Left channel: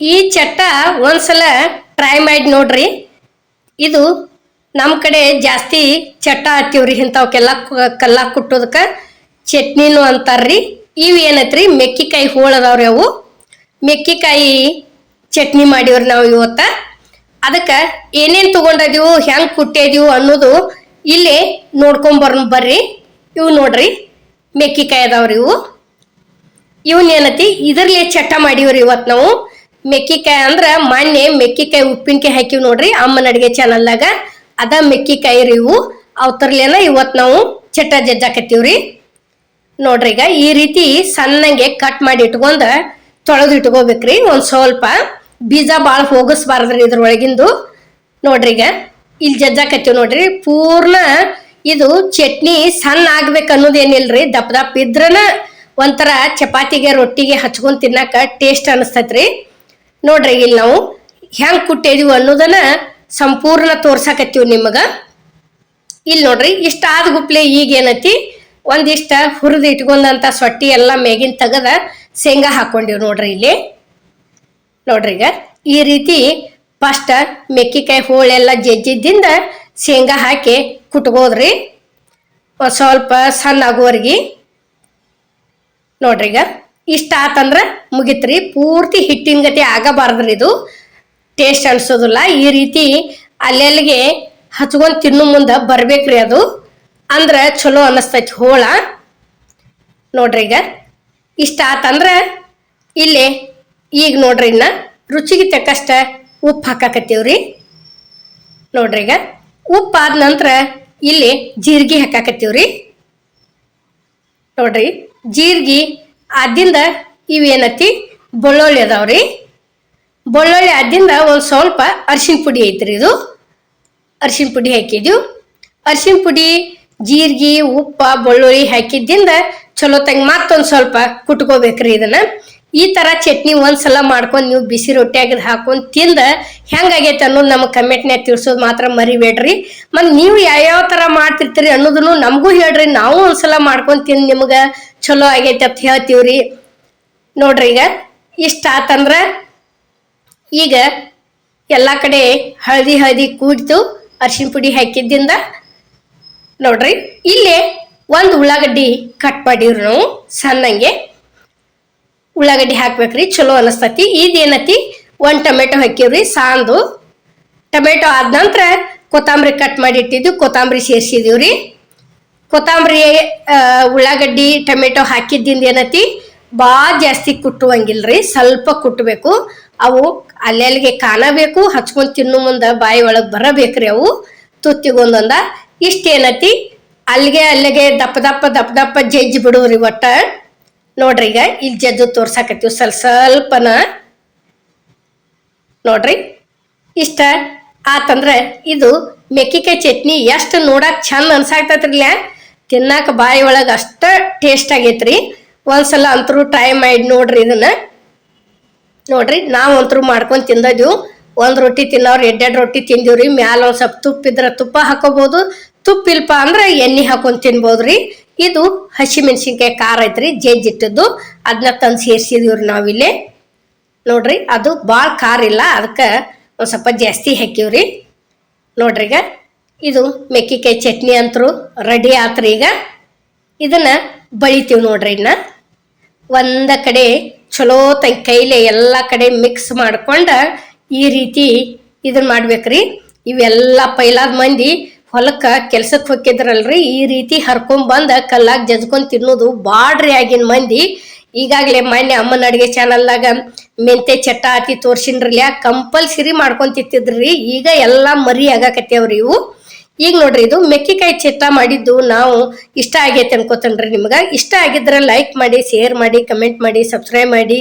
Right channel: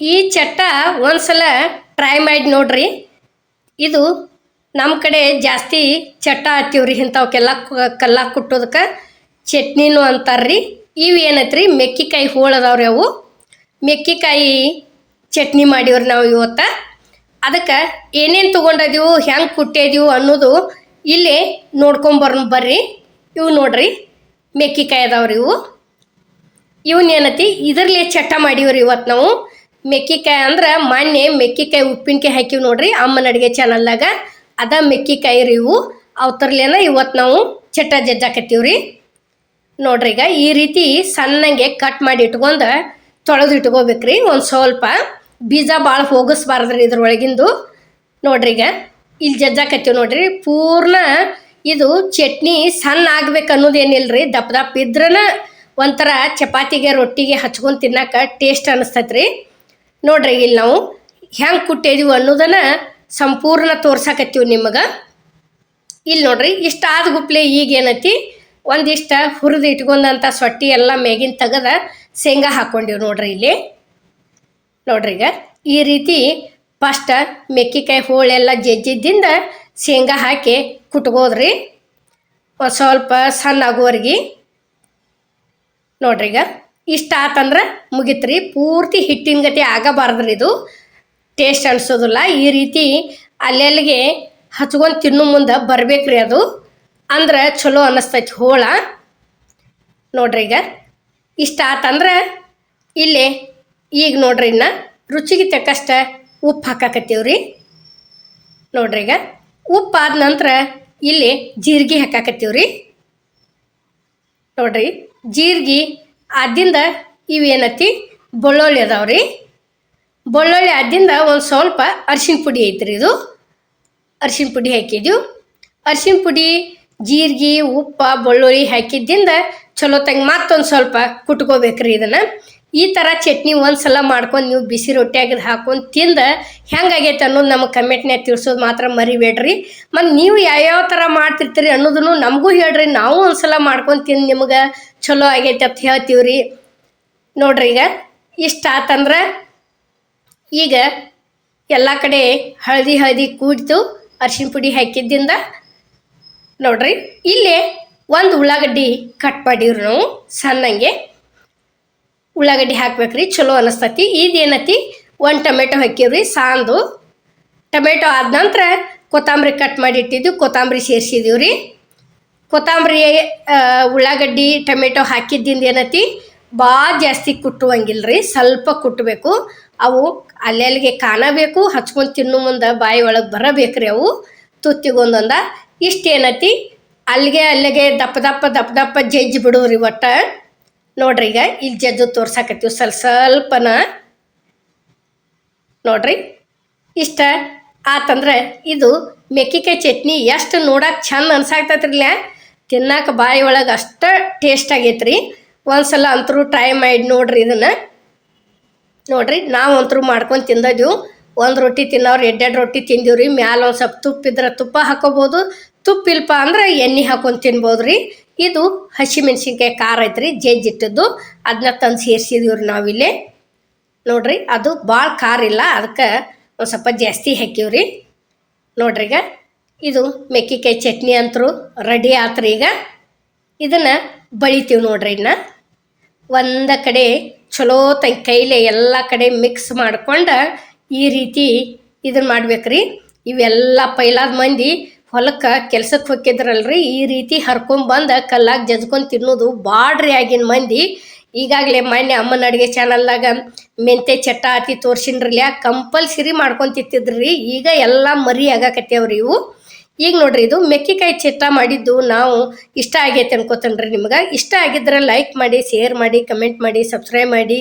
ಈ ಚಟ್ಟ ಒಂದ್ಸಲ ಟ್ರೈ ಮಾಡಿ ನೋಡ್ರಿ. ಇದು ನಮ್ಮ ಕಡೆ ಜಾಸ್ತಿ ಚಟ್ಟ ಹತ್ತೀವ್ರಿ. ಇಂಥವಕ್ಕೆಲ್ಲ ಕಲ್ಲ ಕುಟ್ಟೋದಕ್ಕೆ ಚಟ್ನಿನೂ ಅಂತಾರ್ರಿ. ಇವು ಏನೈತ್ರಿ ಮೆಕ್ಕಿಕಾಯಿ ಹೋಳದವ್ರಿ. ಅವು ಮೆಕ್ಕಿಕಾಯಿ ಚಟ್ನಿ ಮಾಡಿವ್ರಿ ನಾವು ಇವತ್ತ. ಅದಕ್ಕೆ ಏನೇನು ತೊಗೊಂಡಿದೀವು, ಹೆಂಗೆ ಕುಟ್ಟಿದೀವು ಅನ್ನೋದು ಇಲ್ಲೇ ಬರ್ರಿ. ಇವು ನೋಡ್ರಿ ಮೆಕ್ಕಿಕಾಯಿ ಅದಾವ್ರಿ. ಇವನ್ನೇನತಿ ಇದರ್ಲೆ ಚಟ್ಟ ಮಾಡಿವ್ರಿ ಇವತ್ತು ನಾವು. ಮೆಕ್ಕಿಕಾಯಿ ಅಂದ್ರೆ ಮೊನ್ನೆ ಮೆಕ್ಕಿಕಾಯಿ ಉಪ್ಪಿನಕಾಯಿ ಹಾಕಿವ್ ನೋಡ್ರಿ ಅಮ್ಮನ ಅಡುಗೆ ಚಾನಲ್ದಾಗ. ಅದ ಮೆಕ್ಕಿಕಾಯಿ ರೀ ಇವು. ಅವತ್ತರ್ಲೇನ ಇವತ್ತು ನಾವು ಚಟ್ಟ ಜಜ್ಜಾಕತ್ತೀವ್ರಿ. ನೋಡ್ರಿ ಈಗ ಈ ರೀತಿ ಸಣ್ಣಗೆ ಕಟ್ ಮಾಡಿ ಇಟ್ಕೊಂಡ ತೊಳೆದು ಇಟ್ಕೋಬೇಕ್ರಿ. ಒಂದು ಸ್ವಲ್ಪ ಬೀಜ ಭಾಳ ಹೋಗಿಸ್ಬಾರ್ದ್ರಿ ಇದ್ರೊಳಗಿಂದು. ನೋಡ್ರಿ ಈಗ ಇಲ್ಲಿ ಜಜ್ಜಾಕತ್ತೀವಿ ನೋಡ್ರಿ. ಪೂರ್ಣ ಇದು ಚಟ್ನಿ ಸಣ್ಣ ಆಗ್ಬೇಕು ಅನ್ನೋದೇನಿಲ್ರಿ. ದಪ್ಪ ದಪ್ಪ ಇದ್ರನ ಒಂಥರ ಚಪಾತಿಗೆ ರೊಟ್ಟಿಗೆ ಹಚ್ಕೊಂಡ್ ತಿನ್ನಕ ಟೇಸ್ಟ್ ಅನಿಸ್ತೈತ್ರಿ. ನೋಡ್ರಿ ಇಲ್ಲಿ ನಾವು ಹೆಂಗ್ ಕುಟ್ಟಿದೀವಿ ಅನ್ನೋದನ್ನ ಸಂಪೂರ್ಣ ತೋರ್ಸಾಕತ್ತೀವಿ ನಿಮಗ. ಇಲ್ಲಿ ನೋಡ್ರಿ ಇಷ್ಟ ಆದ ಗುಪ್ಲೆ ಈಗ ಏನೈತಿ ಒಂದಿಷ್ಟ ಹುರಿದು ಇಟ್ಕೊಂಡಂತ ಸೊಟ್ಟಿ ಎಲ್ಲ ಮೇಗಿನ ತೆಗದ ಶೇಂಗಾ ಹಾಕೊಂಡಿವ್ ನೋಡ್ರಿ ಇಲ್ಲಿ. ನೋಡ್ರಿ ಈಗ ಈ ರೀತಿ ಫಸ್ಟ್ ಮೆಕ್ಕಿಕಾಯಿ ಹೋಳೆಲ್ಲ ಜಜ್ಜಿದ್ದಿಂದ ಶೇಂಗಾ ಹಾಕಿ ಕುಟ್ಕೋದ್ರಿ ಒಂದು ಸ್ವಲ್ಪ ಸಣ್ಣ ಆಗುವರ್ಗಿ. ನೋಡ್ರಿ ಈಗ ಇಷ್ಟ ಆತಂದ್ರೆ ಮುಗಿತ್ರಿ. ಪೂರ್ತಿ ಹಿಟ್ಟಿನ ಗತಿ ಆಗಬಾರ್ದ್ರಿ, ಇದು ಟೇಸ್ಟ್ ಅನ್ಸೋದಿಲ್ಲ. ಈ ರೀತಿ ಅಲ್ಲೆಲ್ಲಿಗೆ ಹಚ್ಕೊಂಡು ತಿನ್ನು ಮುಂದೆ ಬರ್ಬೇಕ್ರಿ. ಅದು ಅಂದ್ರೆ ಚಲೋ ಅನ್ನಿಸ್ತೈತಿ ಹೋಳ. ನೋಡ್ರಿ ಈಗ ಇಷ್ಟ ಆತಂದ್ರೆ ಇಲ್ಲೇ ಈಗ ನೋಡ್ರಿ ಇನ್ನ ರುಚಿಗೆ ತಕ್ಕಷ್ಟ ಉಪ್ಪು ಹಾಕಾಕತ್ತೀವ್ರಿ. ನೋಡ್ರಿ ಈಗ ಉಪ್ಪು ಆದ ನಂತರ ಇಲ್ಲಿ ಜೀರಿಗೆ ಹಾಕಾಕತ್ತೀವ್ರಿ. ನೋಡ್ರಿ ಜೀರಿಗೆ ಆದಿಂದ ಇವೇನತಿ ಬೆಳ್ಳುಳ್ಳಿ ಅದಾವ್ರಿ. ಬೆಳ್ಳುಳ್ಳಿ ಆದಿಂದ ಒಂದು ಸ್ವಲ್ಪ ಅರಿಶಿನ ಪುಡಿ ಐತ್ರಿ. ಇದು ಅರಿಶಿನ ಪುಡಿ ಹಾಕಿದ್ವು. ಅರಿಶಿನ ಪುಡಿ ಜೀರಿಗೆ ಉಪ್ಪ ಬೆಳ್ಳುಳ್ಳಿ ಹಾಕಿದ್ದಿಂದ ಚಲೋ ತಂಗ ಮತ್ತೊಂದು ಸ್ವಲ್ಪ ಕುಟ್ಕೋಬೇಕ್ರಿ. ಇದನ್ನ ಈ ತರ ಚಟ್ನಿ ಒಂದ್ಸಲ ಮಾಡ್ಕೊಂಡು ನೀವು ಬಿಸಿ ರೊಟ್ಟಿಯಾಗ ಹಾಕೊಂಡು ತಿಂದ ಹೆಂಗಾಗೈತೆ ಅನ್ನೋದು ನಮಗೆ ಕಮೆಂಟ್ನ್ಯಾಗ ತಿಳಿಸೋದು ಮಾತ್ರ ಮರಿಬೇಡ್ರಿ. ಮತ್ತು ನೀವು ಯಾವ್ಯಾವ ಥರ ಮಾಡ್ತಿರ್ತೀರಿ ಅನ್ನೋದನ್ನು ನಮಗೂ ಹೇಳ್ರಿ. ನಾವು ಒಂದ್ಸಲ ಮಾಡ್ಕೊಂಡು ತಿಂದು ನಿಮ್ಗೆ ಚಲೋ ಆಗೈತೆ ಅಂತ ಹೇಳ್ತೀವ್ರಿ. ನೋಡ್ರಿ ಈಗ ಇಷ್ಟ ಆತಂದ್ರೆ ಈಗ ಎಲ್ಲ ಕಡೆ ಹಳದಿ ಕೂಡಿತು ಅರಿಶಿನ ಪುಡಿ ಹಾಕಿದ್ದಿಂದ. ನೋಡ್ರಿ ಇಲ್ಲೇ ಒಂದು ಉಳ್ಳಾಗಡ್ಡಿ ಕಟ್ ಮಾಡಿವ್ರಿ ನಾವು ಸಣ್ಣಂಗೆ. ಉಳ್ಳಾಗಡ್ಡಿ ಹಾಕ್ಬೇಕ್ರಿ, ಚಲೋ ಅನಿಸ್ತತಿ. ಇದೇನತಿ ಒಂದು ಟೊಮೆಟೊ ಹಾಕಿವ್ರಿ ಸಾಂದು. ಟೊಮೆಟೊ ಆದ ನಂತರ ಕೊತ್ತಂಬರಿ ಕಟ್ ಮಾಡಿ ಇಟ್ಟಿದ್ವಿ, ಕೊತ್ತಂಬರಿ ಸೇರಿಸಿದೀವ್ರಿ. ಕೊತ್ತಂಬರಿ ಉಳ್ಳಾಗಡ್ಡಿ ಟೊಮೆಟೊ ಹಾಕಿದ್ದಿಂದ ಏನತಿ ಭಾಳ ಜಾಸ್ತಿ ಕುಟ್ಟುವಂಗಿಲ್ರಿ, ಸ್ವಲ್ಪ ಕುಟ್ಟಬೇಕು. ಅವು ಅಲ್ಲೆಲ್ಲಿಗೆ ಕಾಣಬೇಕು, ಹಚ್ಕೊಂಡು ತಿನ್ನು ಮುಂದೆ ಬಾಯಿ ಒಳಗೆ ಬರಬೇಕ್ರಿ. ಅವು ತುತ್ತಿಗೊಂದೊಂದ ಇಷ್ಟೇನತಿ ಅಲ್ಲಿಗೆ ದಪ್ಪ ಜಜ್ಜಿ ಬಿಡುವ್ರಿ ಒಟ್ಟ. ನೋಡ್ರಿ ಈಗ ಇಲ್ಲಿ ಜಜ್ಜು ತೋರ್ಸಾಕತ್ತೀವಿ ಸ್ವಲ್ಪನ. ನೋಡ್ರಿ ಇಷ್ಟ ಆತಂದ್ರೆ ಇದು ಮೆಕ್ಕಿಕಾಯಿ ಚಟ್ನಿ ಎಷ್ಟು ನೋಡಕ್ ಚಂದ ಅನ್ಸಾಕ್ತೈತ್ರಿಲ್ಲ, ತಿನ್ನಾಕ ಬಾಯಿ ಒಳಗೆ ಅಷ್ಟ ಟೇಸ್ಟ್ ಆಗೈತ್ರಿ. ಒಂದ್ಸಲ ಅಂತರೂ ಟ್ರೈ ಮಾಡಿ ನೋಡ್ರಿ ಇದನ್ನ. ನೋಡ್ರಿ ನಾವು ಅಂತರೂ ಮಾಡ್ಕೊಂಡು ತಿಂದಿದ್ವು. ಒಂದು ರೊಟ್ಟಿ ತಿನ್ನೋರು 2 ರೊಟ್ಟಿ ತಿಂದಿವ್ರಿ. ಮ್ಯಾಲ ಒಂದು ಸ್ವಲ್ಪ ತುಪ್ಪ ಇದ್ರೆ ತುಪ್ಪ ಹಾಕೋಬಹುದು, ತುಪ್ಪ ಇಲ್ಪ ಅಂದ್ರೆ ಎಣ್ಣೆ ಹಾಕೊಂಡು ತಿನ್ಬೋದ್ರಿ. ಇದು ಹಸಿ ಮೆಣಸಿನ್ಕಾಯಿ ಖಾರ ಐತ್ರಿ ಜಜ್ಜಿಟ್ಟದ್ದು, ಅದನ್ನ ತಂದು ಸೇರಿಸಿದೀವ್ರಿ ನಾವಿಲ್ಲಿ. ನೋಡ್ರಿ ಅದು ಭಾಳ ಖಾರ ಇಲ್ಲ, ಅದಕ್ಕೆ ಒಂದು ಸ್ವಲ್ಪ ಜಾಸ್ತಿ ಹಾಕಿವ್ರಿ. ನೋಡ್ರಿ ಈಗ ಇದು ಮೆಕ್ಕಿಕಾಯಿ ಚಟ್ನಿ ಅಂತರೂ ರೆಡಿ ಆತ್ರಿ. ಈಗ ಇದನ್ನ ಬಳಿತೀವಿ ನೋಡ್ರಿ. ಇನ್ನ ಒಂದ ಕಡೆ ಚಲೋ ಕೈಲೆ ಎಲ್ಲ ಕಡೆ ಮಿಕ್ಸ್ ಮಾಡ್ಕೊಂಡು ಈ ರೀತಿ ಇದನ್ನ ಮಾಡ್ಬೇಕ್ರಿ. ಇವೆಲ್ಲ ಪೈಲಾದ ಮಂದಿ ಹೊಲಕ್ಕೆ ಕೆಲ್ಸಕ್ಕೆ ಹೋಗಿದ್ರಲ್ರಿ, ಈ ರೀತಿ ಹರ್ಕೊಂಡ್ ಕಲ್ಲಾಗ ಜಜ್ಕೊಂಡು ತಿನ್ನೋದು ಬಾಡ್ರಿ ಆಗಿನ ಮಂದಿ. ಈಗಾಗಲೇ ಮೊನ್ನೆ ಅಮ್ಮನ ಅಡುಗೆ ಚಾನಲ್ದಾಗ ಮೆಂತೆ ಚಟ್ಟ ಹಾಕಿ ತೋರ್ಸಿನ್ರಲ್ಲ, ಕಂಪಲ್ಸರಿ ಮಾಡ್ಕೊಂಡು ತಿಂತಿದ್ರಿ. ಈಗ ಎಲ್ಲ ಮರಿ ಆಗಾಕತ್ತೇವ್ರಿ ಇವು. ಈಗ ನೋಡ್ರಿ ಇದು ಮೆಕ್ಕಿಕಾಯಿ ಚಟ್ಟ ಮಾಡಿದ್ದು ನಾವು ಇಷ್ಟ ಆಗೈತೆ ಅನ್ಕೋತೇನ್ರಿ. ನಿಮ್ಗೆ ಇಷ್ಟ ಆಗಿದ್ರೆ ಲೈಕ್ ಮಾಡಿ, ಶೇರ್ ಮಾಡಿ, ಕಮೆಂಟ್ ಮಾಡಿ, ಸಬ್ಸ್ಕ್ರೈಬ್ ಮಾಡಿ.